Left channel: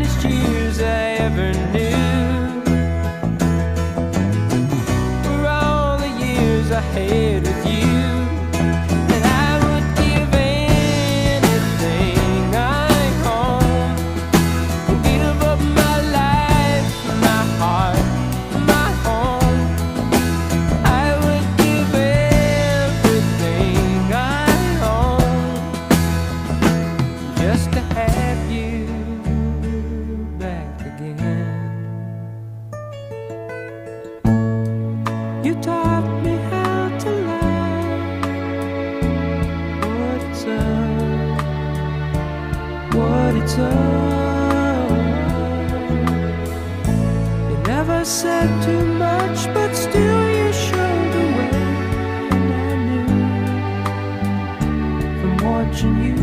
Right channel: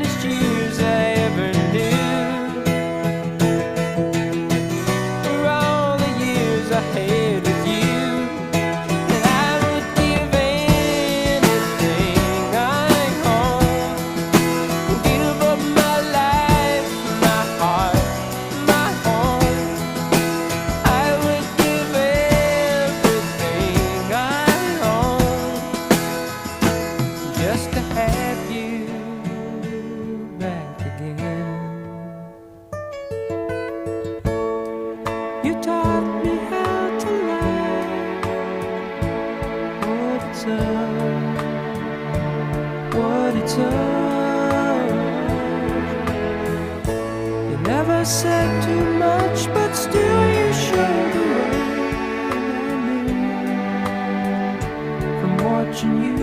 finest years I ever knew were all the years I had with you. And I would give anything I own, give up my life, my heart, my home. I would give everything I own just to have you back again. You taught me how to love, what it's up. You never said too much, but still you showed the way. And I knew from watching you